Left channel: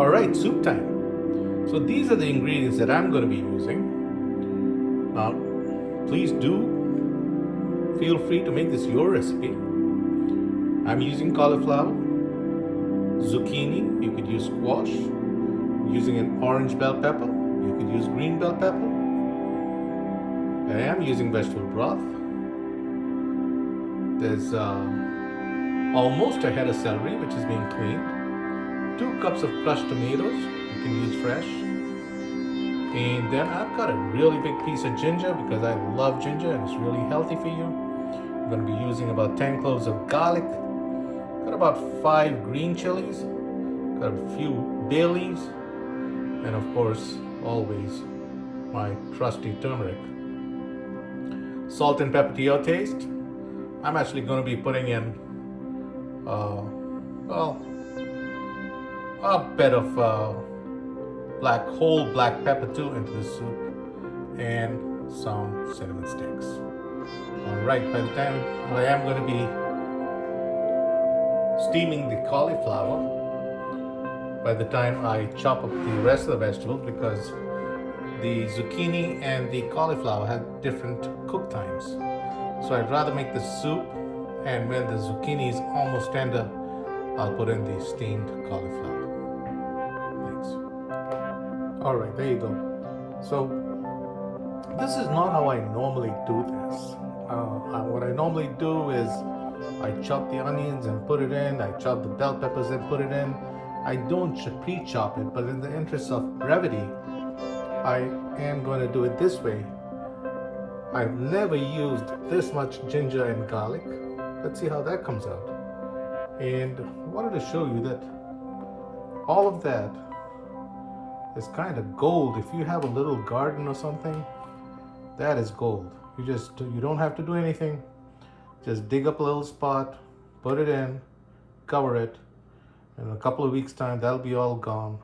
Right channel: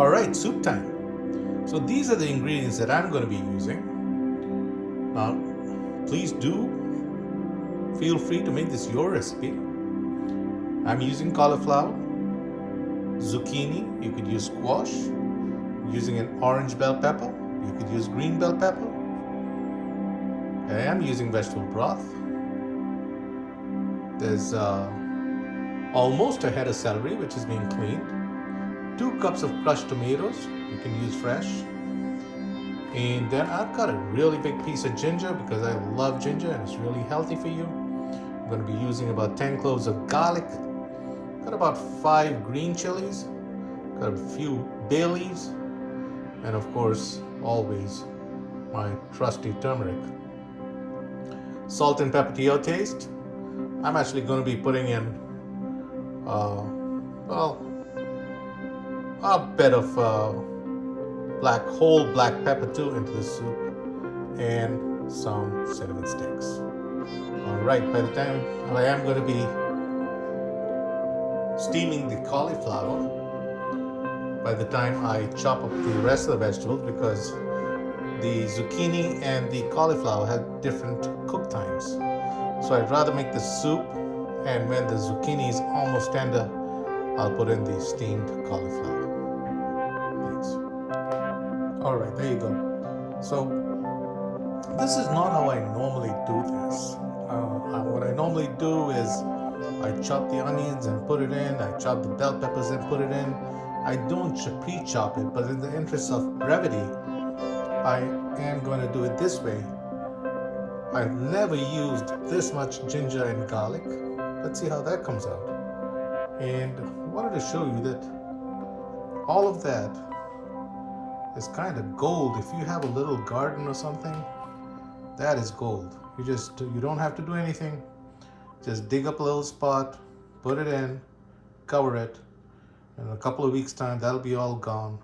Alright, soup time. So these are the ingredients that I'm going to be using. Now, please do feel free to make this your recipe. I'm using cauliflower, zucchini, you could use squash, using an orange bell pepper, you could use green bell pepper. I am using vegetable broth. There's almost a head of celery which is being cleaned. 2 cups of crushed tomatoes, you can use fresh. And then I've got a really big piece of ginger because I love ginger and it's really healthy for you. I'm going to be using about 10 cloves of garlic. Got about 5 green chilies. Got a few bay leaves. And of course, always my trusty turmeric. Salt and pepper to your taste. I'm actually going to be putting in a bit of whole black pepper too into the soup, and some cinnamon sticks. Alright, by the time I am going to be steaming the cauliflower, by the time I chop up the rest of the vegetables, because the zucchini and the cauliflower have different cook times. So I'd rather make the soup, and when the zucchini is almost tender, I'll put in the steamed cauliflower. Alright, there you go. So this is not how I normally do this. What I normally do is I chop the onions and put it in. I chop the bell peppers and put it in. I don't pre-chop it, but in the interest of brevity, I am going to do it this way. I've never used this much ginger and garlic. Let's see how that comes out. And I wanted to show you that all of that is kind of gold. If you have a little garden or something, that is gold. You don't have to do anything. Just dig up a little spot, put it in, cover it. In a couple of weeks' time, that'll be all gone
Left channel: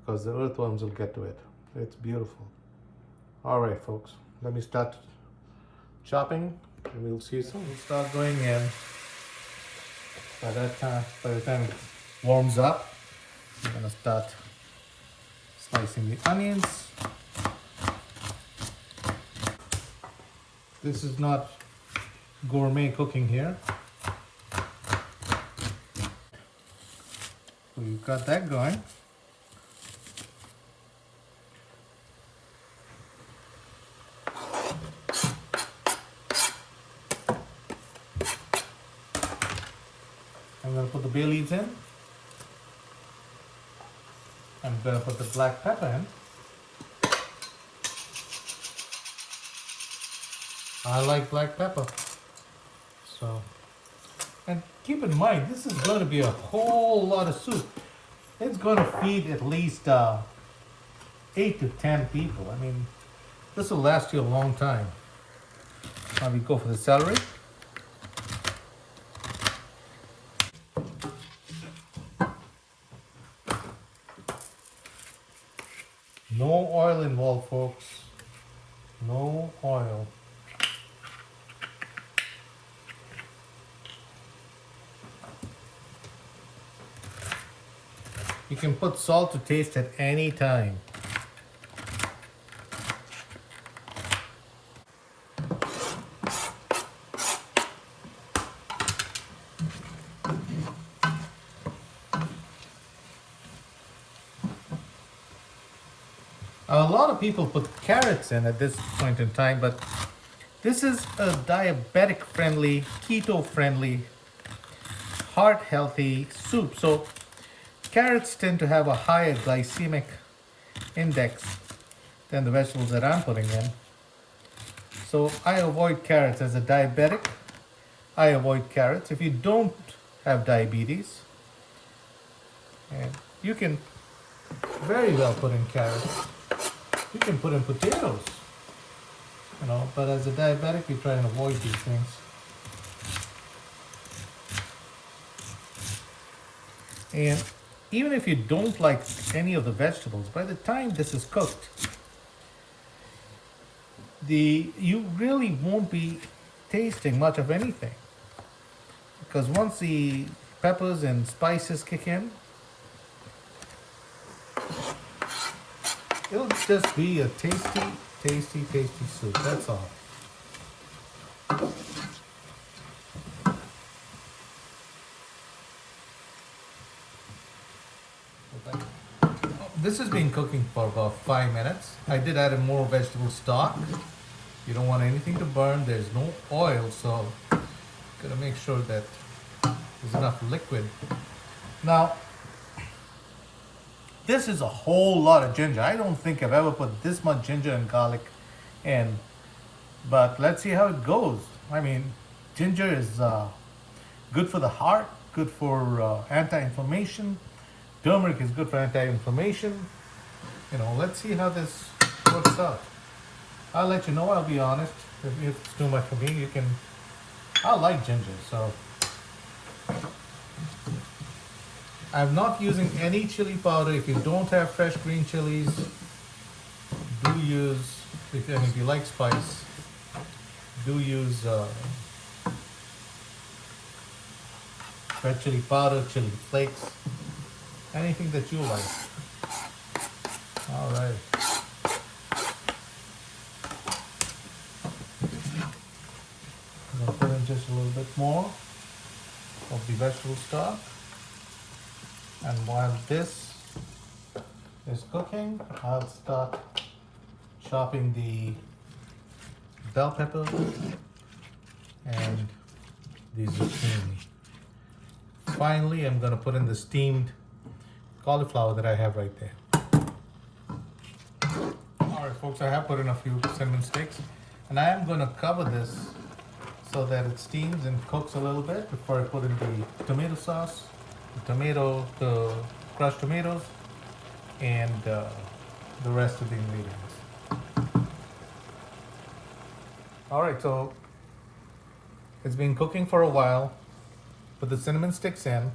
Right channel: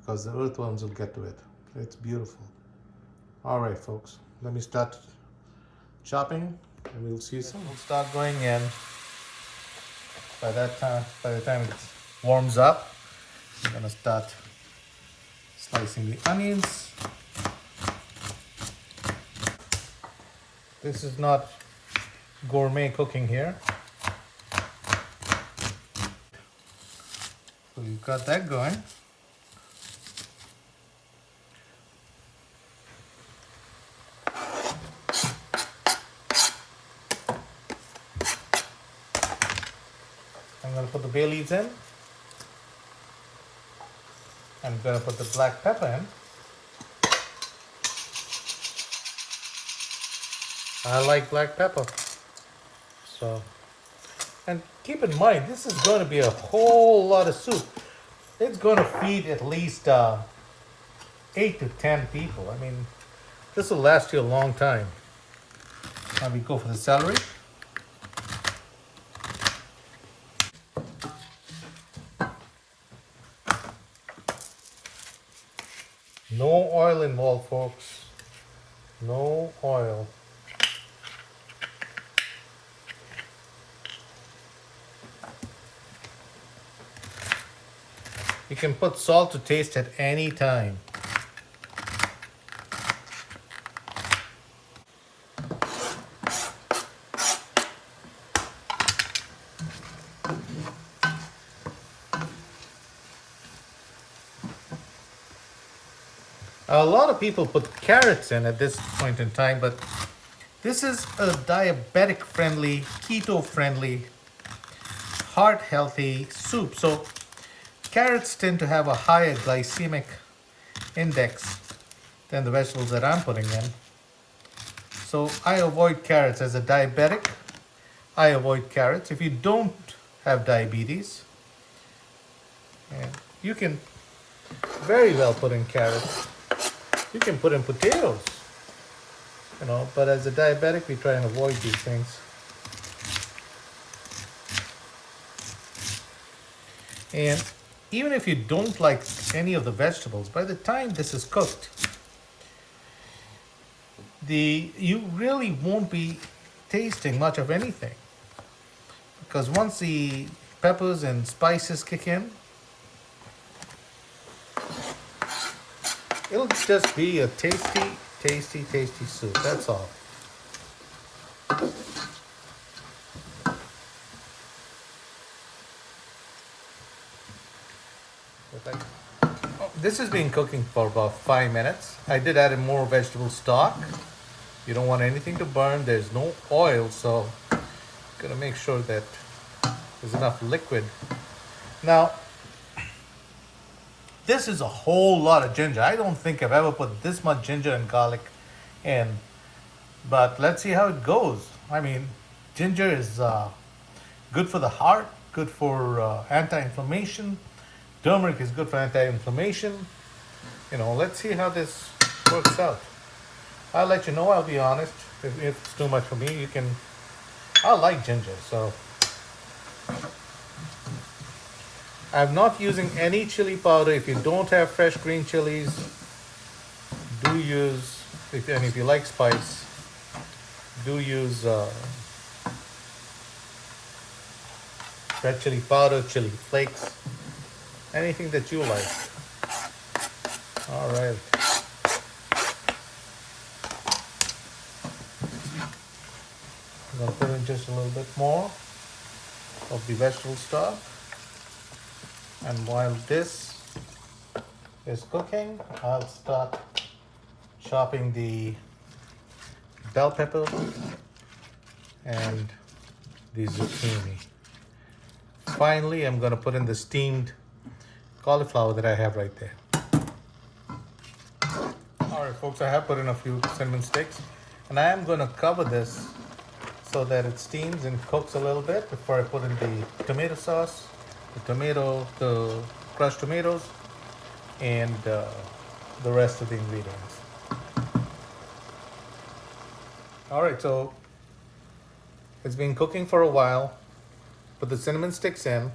because the earthworms will get to it. It's beautiful. All right, folks, let me start chopping and we'll see you soon. We'll start going in. By the time it warms up, I'm gonna start slicing the onions. This is not gourmet cooking here. So you've got that going. I'm going to put the bay leaves in. I'm going to put the black pepper in. I like black pepper. So, and keep in mind, this is going to be a whole lot of soup. It's going to feed at least 8 to 10 people. I mean, this will last you a long time. Now we go for the celery. No oil involved, folks. No oil. You can put salt to taste at any time. A lot of people put carrots in at this point in time, but this is a diabetic friendly, keto friendly, heart healthy soup. So carrots tend to have a higher glycemic index than the vegetables that I'm putting in. So I avoid carrots. As a diabetic, I avoid carrots. If you don't have diabetes, and you can very well put in carrots. You can put in potatoes, but as a diabetic, we try and avoid these things. And even if you don't like any of the vegetables, by the time this is cooked, you really won't be tasting much of anything. Because once the peppers and spices kick in, It'll just be a tasty, tasty, tasty soup. That's all. This has been cooking for about 5 minutes. I did add in more vegetable stock. You don't want anything to burn. There's no oil, so gotta make sure that there's enough liquid. Now, this is a whole lot of ginger. I don't think I've ever put this much ginger and garlic in, but let's see how it goes. I mean, ginger is good for the heart, good for anti-inflammation. Turmeric is good for anti-inflammation. You know, let's see how this works out. I'll let you know, I'll be honest. If it's too much for me, you can... I like ginger, so... I'm not using any chili powder. If you don't have fresh green chilies, do use, and if you like spice, do use red chili powder, chili flakes, anything that you like. All right. I'm gonna put in just a little bit more of the vegetable stock. And while this is cooking, I'll start chopping the bell pepper and the zucchini. Finally, I'm going to put in the steamed cauliflower that I have right there. All right, folks, I have put in a few cinnamon sticks, and I am going to cover this so that it steams and cooks a little bit before I put in the tomato sauce, the crushed tomatoes, and the rest of the ingredients. All right, so it's been cooking for a while. Put the cinnamon sticks in.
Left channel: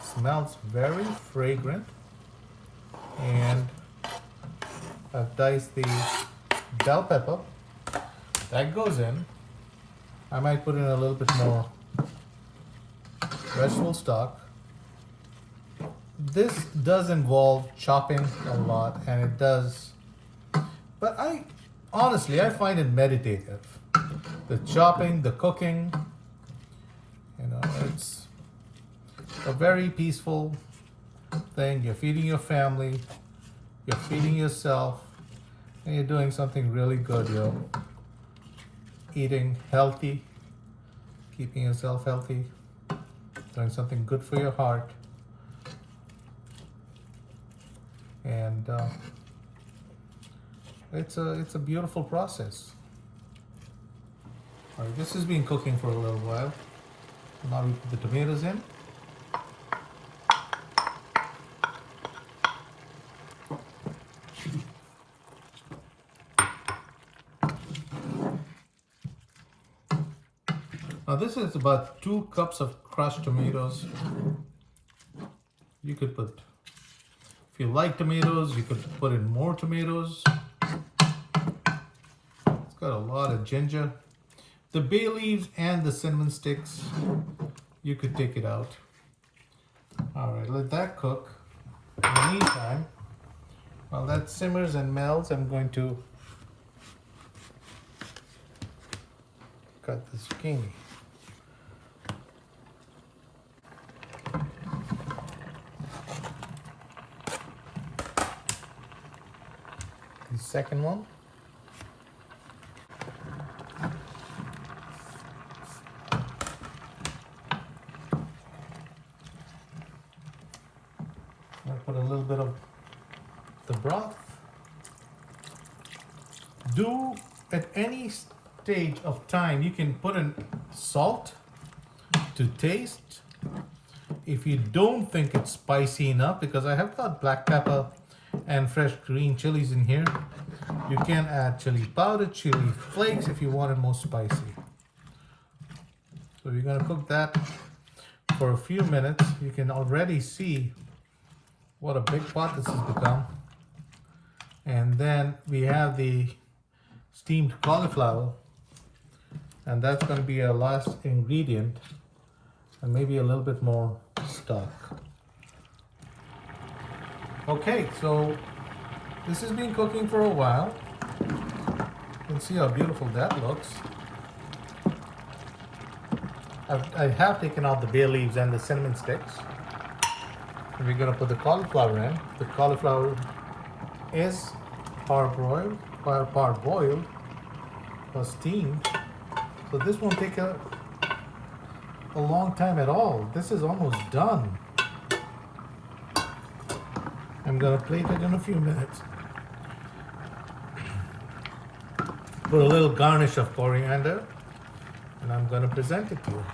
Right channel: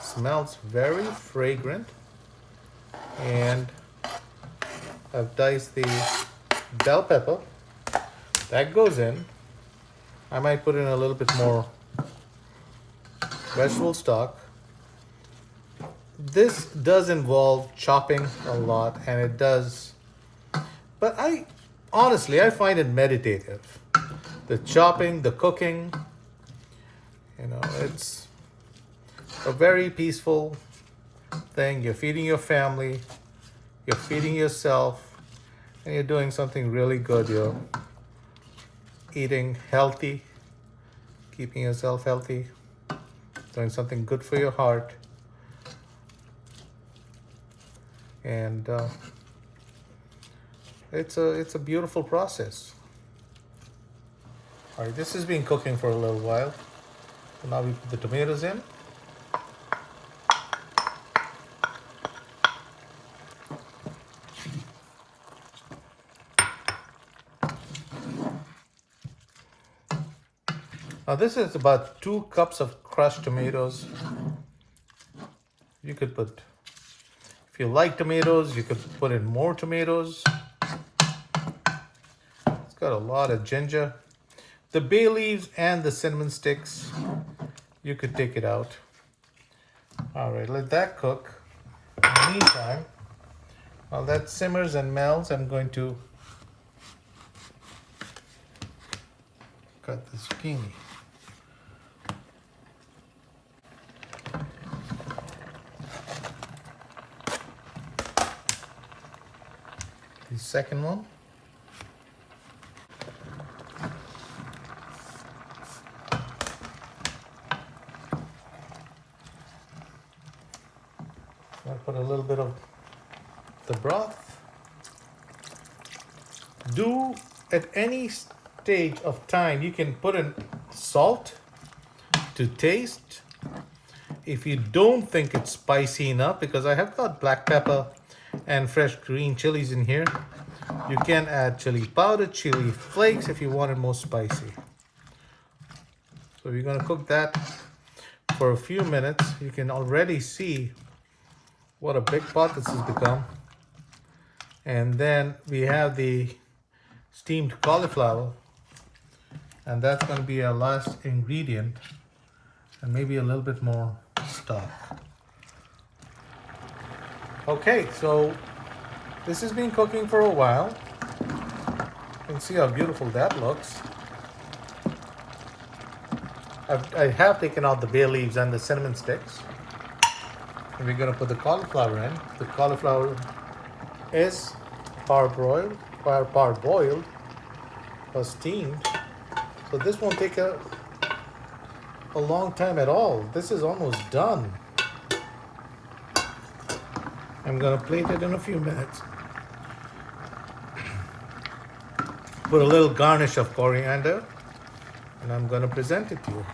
Smells very fragrant, and I've diced the bell pepper. That goes in. I might put in a little bit more vegetable stock. This does involve chopping a lot, and it does, but honestly, I find it meditative. The chopping, the cooking, you know, it's a very peaceful thing. You're feeding your family, you're feeding yourself, and you're doing something really good. You're eating healthy, keeping yourself healthy, doing something good for your heart. And it's a beautiful process. All right, this has been cooking for a little while. So now we put the tomatoes in. Now this is about 2 cups of crushed tomatoes. You could put, if you like tomatoes, you could put in more tomatoes. It's got a lot of ginger. The bay leaves and the cinnamon sticks, you could take it out. All right, let that cook. In the meantime, while that simmers and melts, I'm going to cut the zucchini. The second one. I'll put a little bit of the broth. Do at any stage of time, you can put in salt to taste. If you don't think it's spicy enough, because I have got black pepper and fresh green chilies in here, you can add chili powder, chili flakes if you want it more spicy. So you're going to cook that for a few minutes. You can already see what a big pot this has become. And then we have the steamed cauliflower, and that's going to be our last ingredient, and maybe a little bit more stock. Okay, so This has been cooking for a while. You can see how beautiful that looks. I have taken out the bay leaves and the cinnamon sticks. And we're going to put the cauliflower in. The cauliflower is parboiled or steamed. So this won't take a long time at all. This is almost done. I'm going to plate it in a few minutes. Put a little garnish of coriander, and I'm going to present it to you.